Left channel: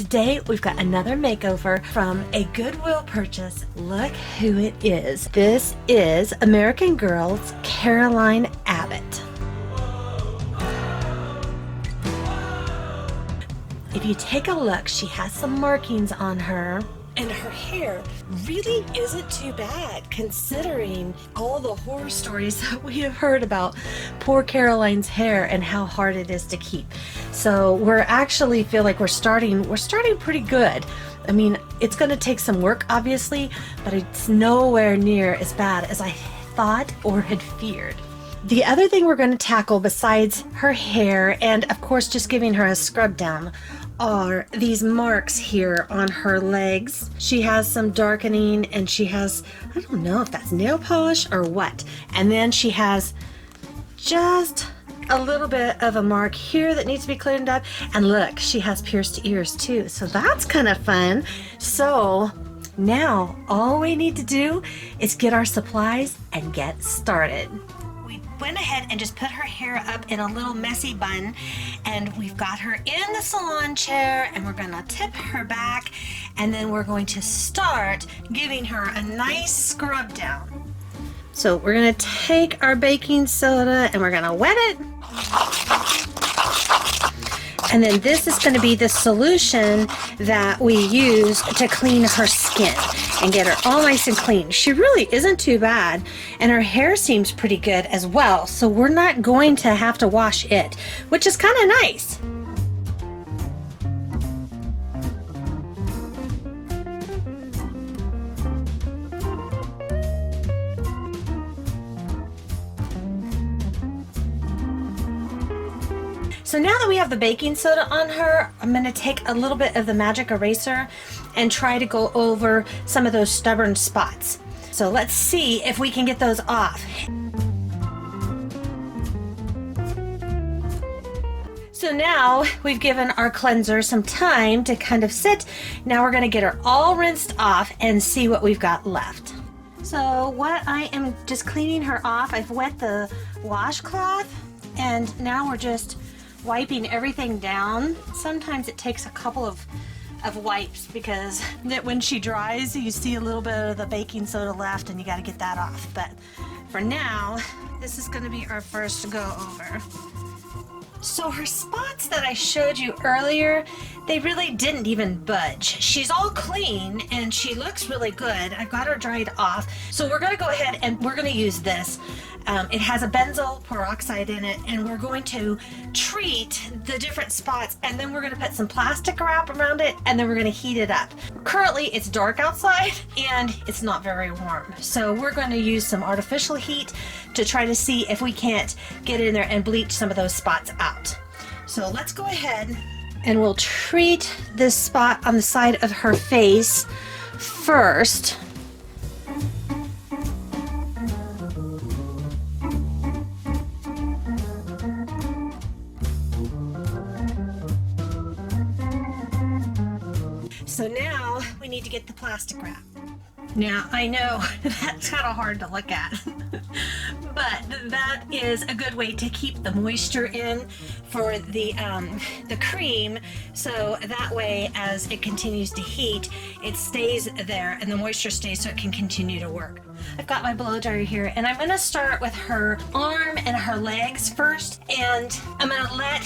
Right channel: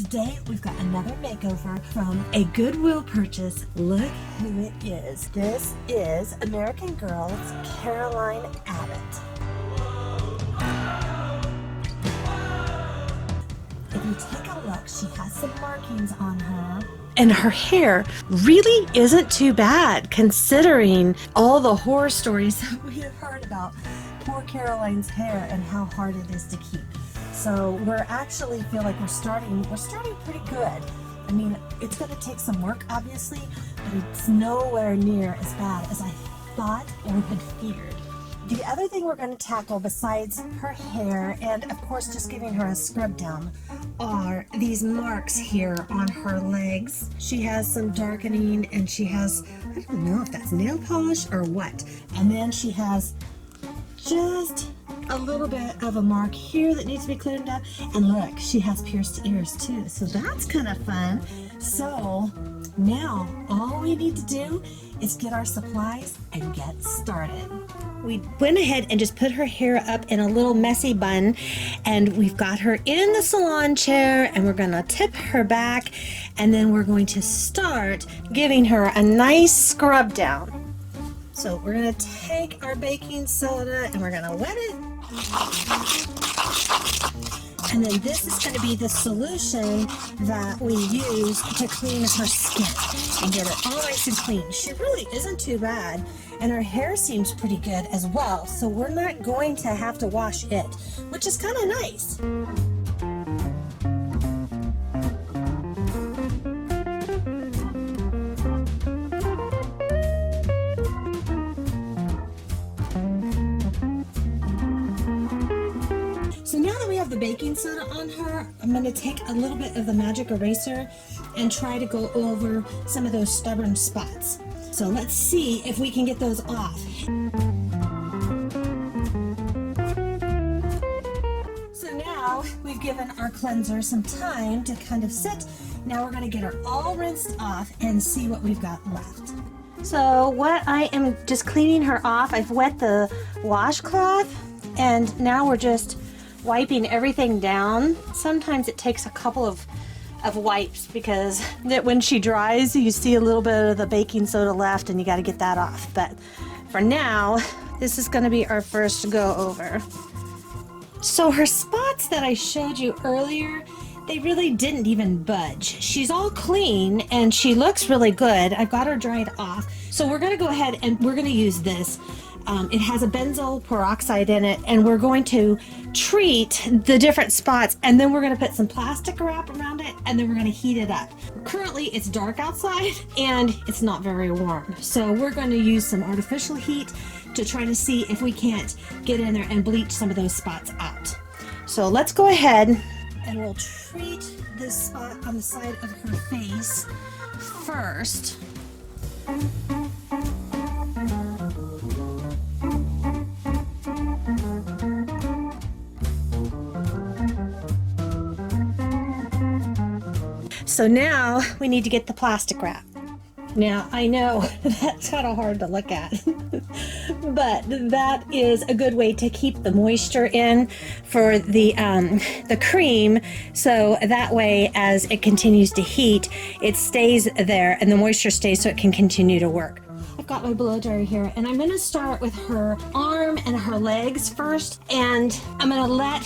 today we've got another makeover from a Goodwill purchase. Look who it is. This is American Girl Caroline Abbott. If you take a look, she has some markings on her. And her hair really isn't too bad considering all the horror stories that we have heard about poor Caroline's hair and how hard it is to keep. So we're actually feel like we're starting pretty good. I mean, it's going to take some work obviously, but it's nowhere near as bad as I thought or had feared. The other thing we're going to tackle besides her hair and of course just giving her a scrub down are these marks here on her legs. She has some darkening and she has, I don't know if that's nail polish or what. And then she has just a little bit of a mark here that needs to be cleaned up. And look, she has pierced ears too. So that's kind of fun. So now all we need to do is get our supplies and get started. We went ahead and just put her hair up in a little messy bun, and we've got her in the salon chair, and we're gonna tip her back, and then we're going to start giving her a nice scrub down. So we're gonna take our baking soda and we're gonna wet it. And then this is going to be the solution that we use to clean her skin and get her all nice and clean. She really isn't too bad, and her hair seems pretty good as well, so we're not going to have to wash it, which is kind of nice. So now that we have the baking soda on her, I'm going to take a little bit of the magic eraser and try to go over some of those stubborn spots. So let's see if we can get those off. So now we've given our cleanser some time to kind of sit. Now we're going to get her all rinsed off and see what we've got left. So what I am just cleaning her off, I've wet the washcloth and now we're just wiping everything down. Sometimes it takes a couple of wipes because when she dries you see a little bit of the baking soda left and you got to get that off. But for now, this is going to be our first go over. So her spots that I showed you earlier, they really didn't even budge. She's all clean and she looks really good. I got her dried off. So we're going to go ahead and we're going to use this. It has a benzoyl peroxide in it, and we're going to treat the different spots, and then we're going to put some plastic wrap around it, and then we're going to heat it up. Currently, it's dark outside, and it's not very warm. So we're going to use some artificial heat to try to see if we can't get in there and bleach some of those spots out. So let's go ahead, and we'll treat this spot on the side of her face first. So now we need to get the plastic wrap. Now I know that's kind of hard to look at, but that is a good way to keep the moisture in for the cream, so that way as it continues to heat, it stays there and the moisture stays so it can continue to work. I've got my blow dryer here and I'm going to start with her arm and her legs first, and I'm going to let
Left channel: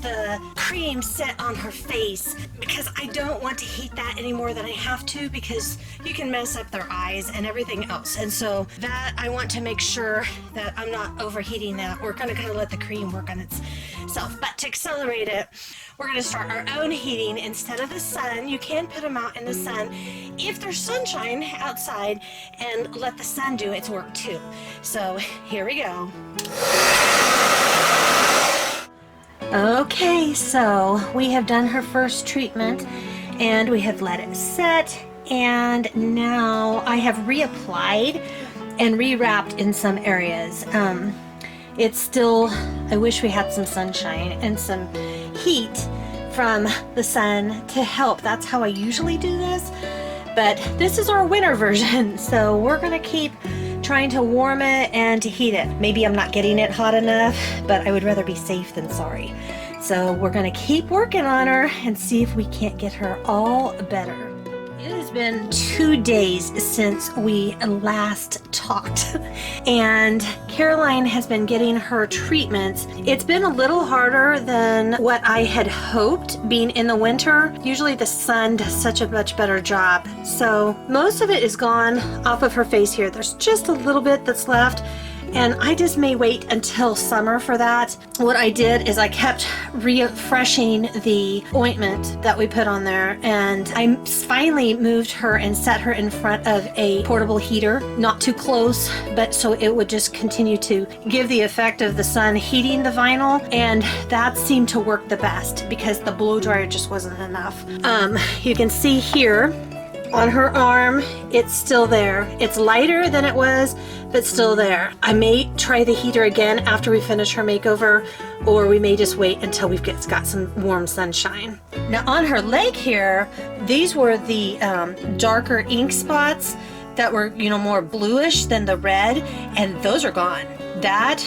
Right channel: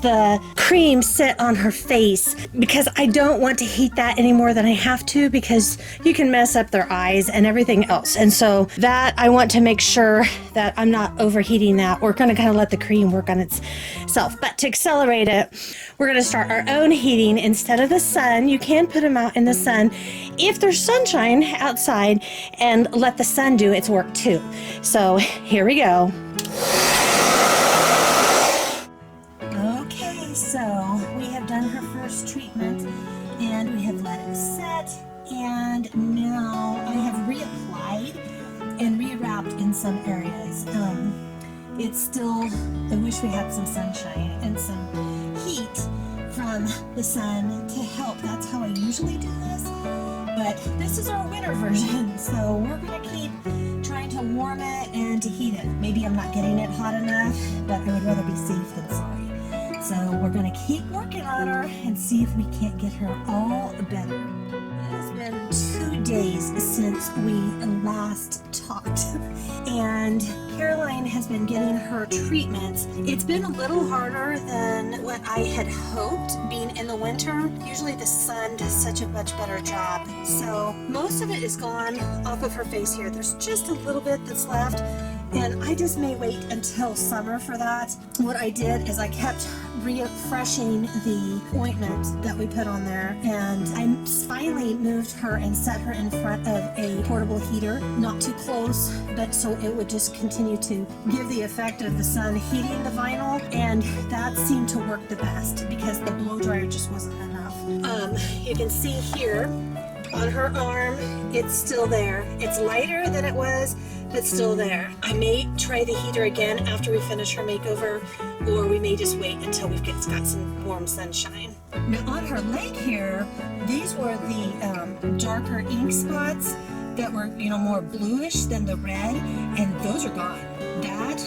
the cream sit on her face because I don't want to heat that any more than I have to, because you can mess up their eyes and everything else. And so that I want to make sure that I'm not overheating that. We're going to kind of let the cream work on itself. But to accelerate it, we're going to start our own heating instead of the sun. You can put them out in the sun if there's sunshine outside and let the sun do its work too. So here we go. Okay, so we have done her first treatment and we have let it set, and now I have reapplied and rewrapped in some areas. It's still, I wish we had some sunshine and some heat from the sun to help. That's how I usually do this, but this is our winter version, so we're gonna keep trying to warm it and to heat it. Maybe I'm not getting it hot enough, but I would rather be safe than sorry. So we're going to keep working on her and see if we can't get her all better. It has been 2 days since we last talked, and Caroline has been getting her treatments. It's been a little harder than what I had hoped being in the winter. Usually the sun does such a much better job. So most of it is gone off of her face here. There's just a little bit that's left. And I just may wait until summer for that. What I did is I kept refreshing the ointment that we put on there, and I finally moved her and set her in front of a portable heater, not too close, but so it would just continue to give the effect of the sun heating the vinyl, and that seemed to work the best because the blow dryer just wasn't enough. You can see here on her arm, it's still there. It's lighter than it was, but still there. I may try the heater again after we finish her makeover, or we may just wait until we've got some warm sunshine. Now on her leg here, these were the darker ink spots that were, more bluish than the red, and those are gone. That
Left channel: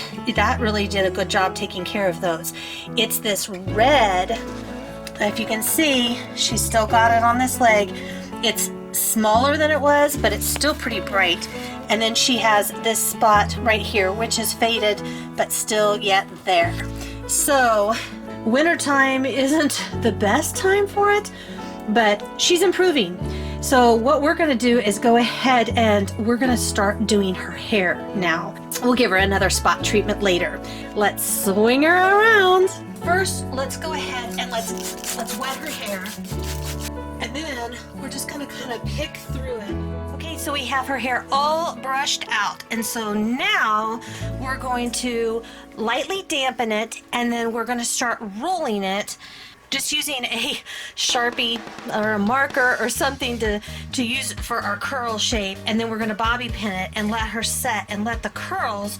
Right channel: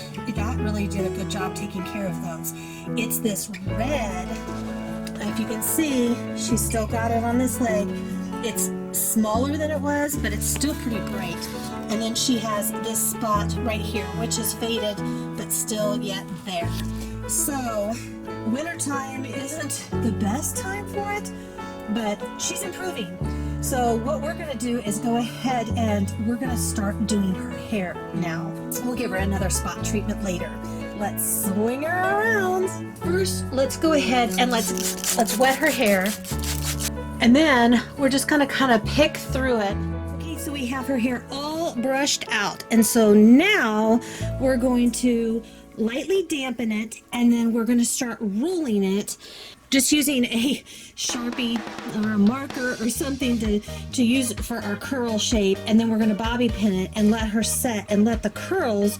really did a good job taking care of those. It's this red, if you can see, she's still got it on this leg. It's smaller than it was, but it's still pretty bright. And then she has this spot right here, which is faded, but still yet there. So wintertime isn't the best time for it, but she's improving. So what we're gonna do is go ahead and we're gonna start doing her hair now. We'll give her another spot treatment later. Let's swing her around. First, let's go ahead and let's wet her hair. And then we're just gonna kind of pick through it. Okay, so we have her hair all brushed out. And so now we're going to lightly dampen it, and then we're gonna start rolling it, just using a Sharpie or a marker or something to use for our curl shape. And then we're gonna bobby pin it and let her set and let the curls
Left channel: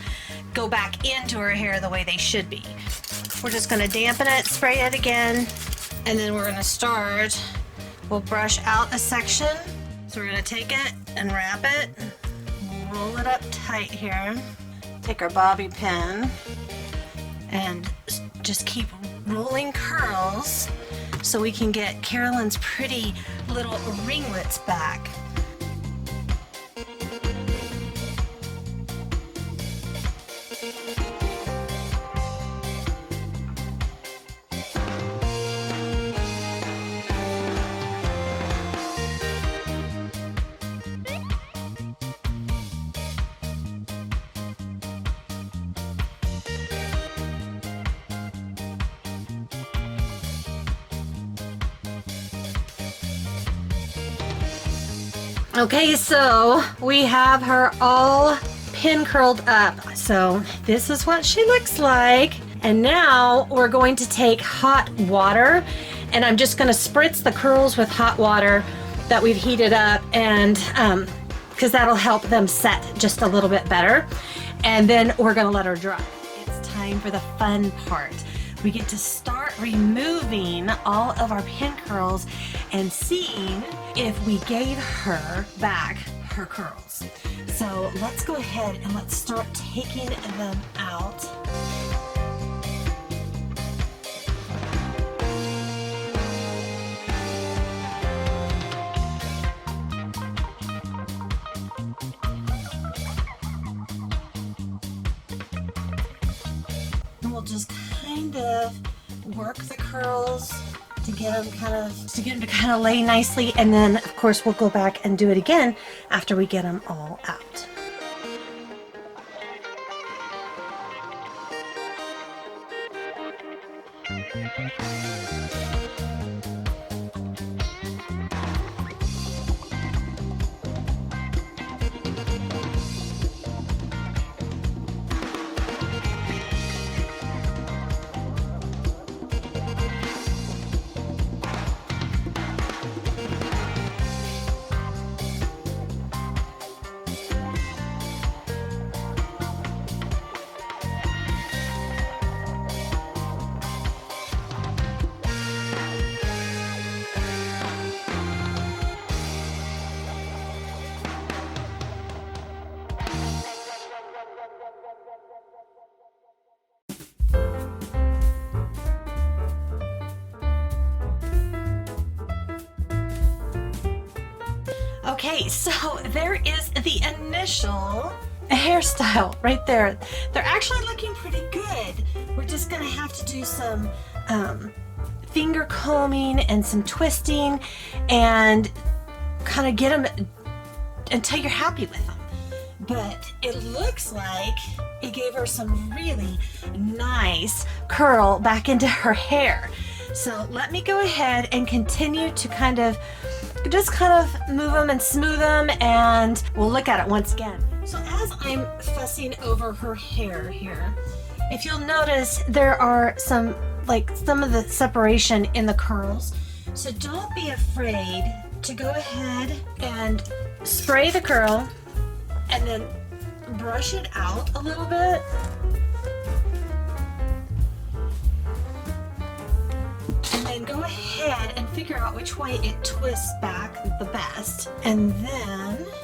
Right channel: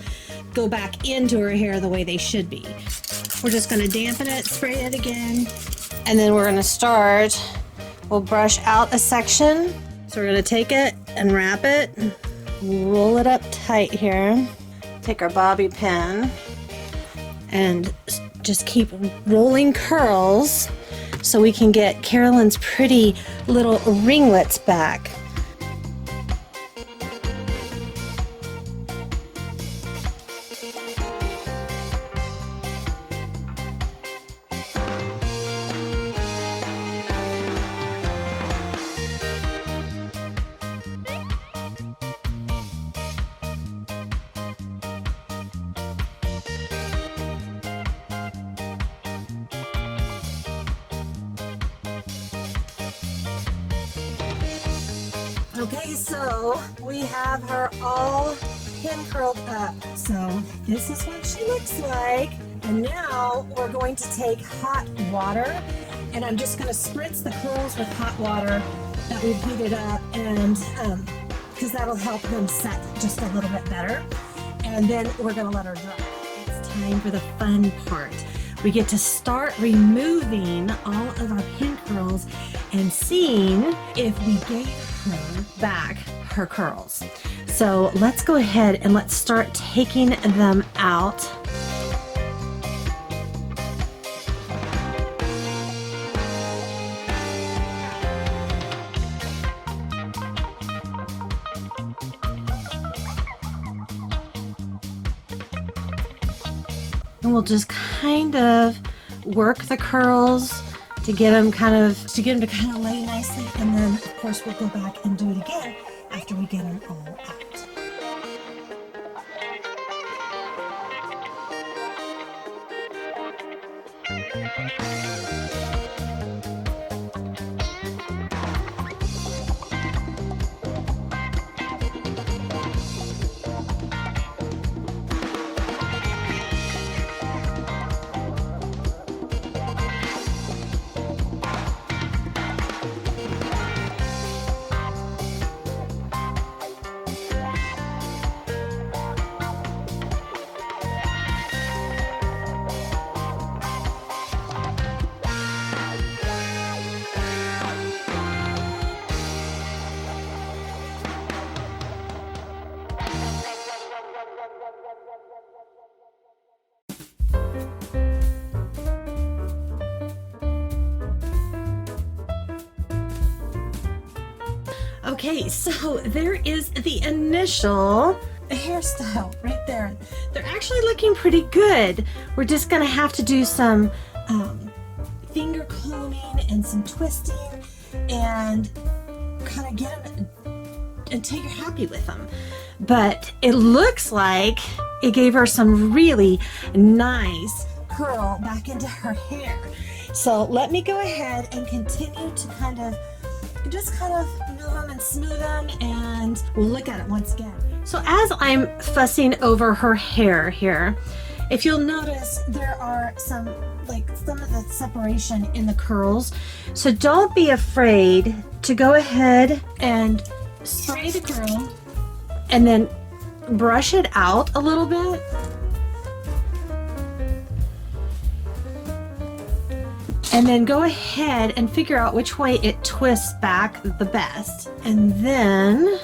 go back into her hair the way they should be. We're just gonna dampen it, spray it again, and then we're gonna start. We'll brush out a section. So we're gonna take it and wrap it, roll it up tight here. Take our bobby pin and just keep rolling curls so we can get Caroline's pretty little ringlets back. Okay, so we have her all pin curled up. So this is what she looks like. And now we're going to take hot water, and I'm just gonna spritz the curls with hot water that we've heated up, and because that'll help them set just a little bit better. And then we're gonna let her dry. It's time for the fun part. We get to start removing all of our pin curls and seeing if we gave her back her curls. So let's go ahead and let's start taking them out. And we'll just kind of work the curls to get them to kind of lay nicely, and then of course we'll go back and do it again after we get them all out. Okay, so there is the initial hairstyle right there. They're actually looking pretty good. We're just gonna have to do some finger combing and some twisting and kind of get them until you're happy with them. But it looks like it gave her some really nice curl back into her hair. So let me go ahead and continue to kind of move them and smooth them, and we'll look at it once again. So as I'm fussing over her hair here, if you'll notice, there are some of the separation in the curls. So don't be afraid to go ahead and spray the curl and then brush it out a little bit. And then go ahead and figure out which way it twists back the best. And then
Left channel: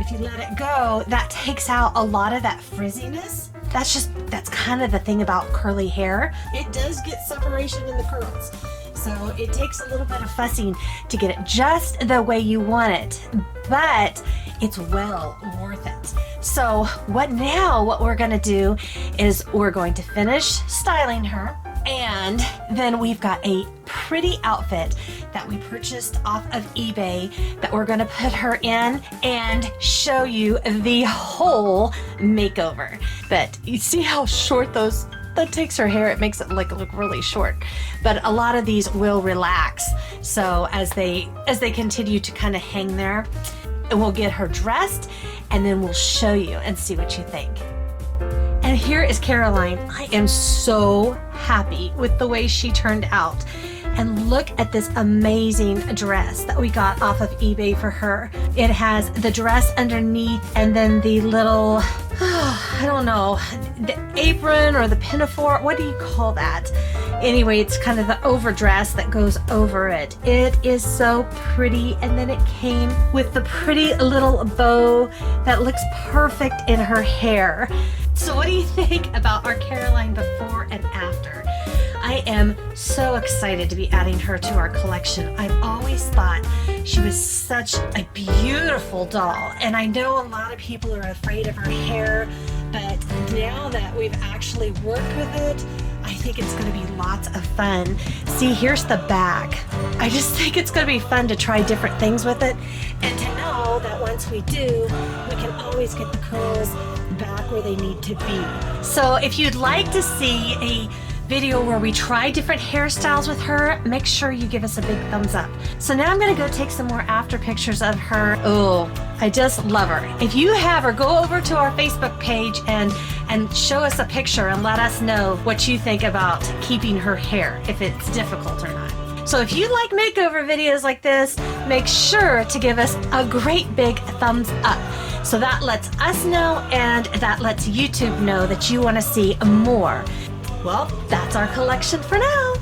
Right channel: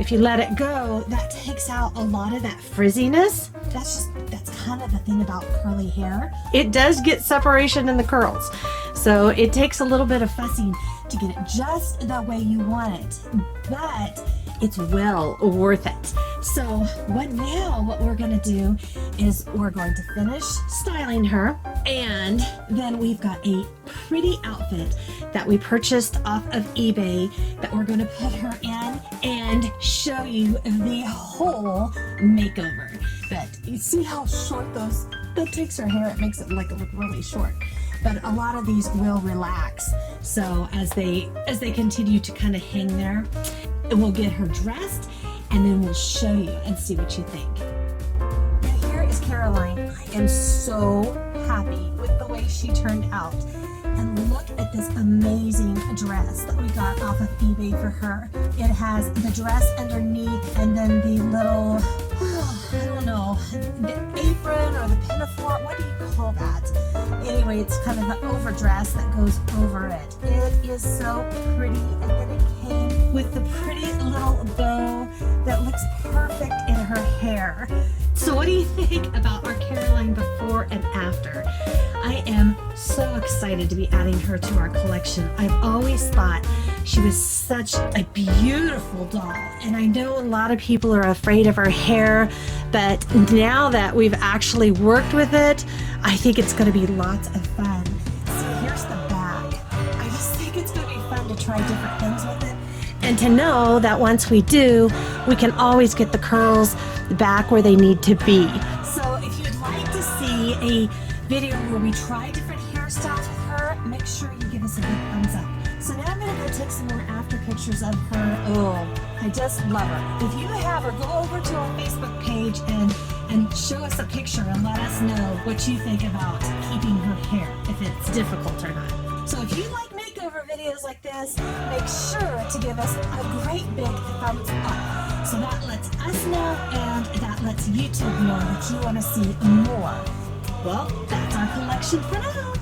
if you let it go, that takes out a lot of that frizziness. That's kind of the thing about curly hair. It does get separation in the curls. So it takes a little bit of fussing to get it just the way you want it, but it's well worth it. So what we're gonna do is we're going to finish styling her, and then we've got a pretty outfit that we purchased off of eBay that we're gonna put her in and show you the whole makeover. But you see how short that takes her hair, it makes it look really short. But a lot of these will relax. So as they continue to kind of hang there, and we'll get her dressed and then we'll show you and see what you think. And here is Caroline. I am so happy with the way she turned out. And look at this amazing dress that we got off of eBay for her. It has the dress underneath and then the little, I don't know, the apron or the pinafore. What do you call that? Anyway, it's kind of the overdress that goes over it. It is so pretty. And then it came with the pretty little bow that looks perfect in her hair. So what do you think about our Caroline before and after? I am so excited to be adding her to our collection. I've always thought she was such a beautiful doll, and I know a lot of people are afraid of her hair, but now that we've actually worked with it, I think it's going to be lots of fun. See, here's the back. I just think it's going to be fun to try different things with it, and to know that once we do, we can always get the curls back where they need to be. So if you'd like to see a video where we try different hairstyles with her, make sure you give us a big thumbs up. So now I'm gonna go take some more after pictures of her. Oh, I just love her. If you have her, go over to our Facebook page and show us a picture and let us know what you think about keeping her hair, if it's difficult or not. So if you like makeover videos like this, make sure to give us a great big thumbs up. So that lets us know, and that lets YouTube know that you want to see more. Well, that's our collection for now.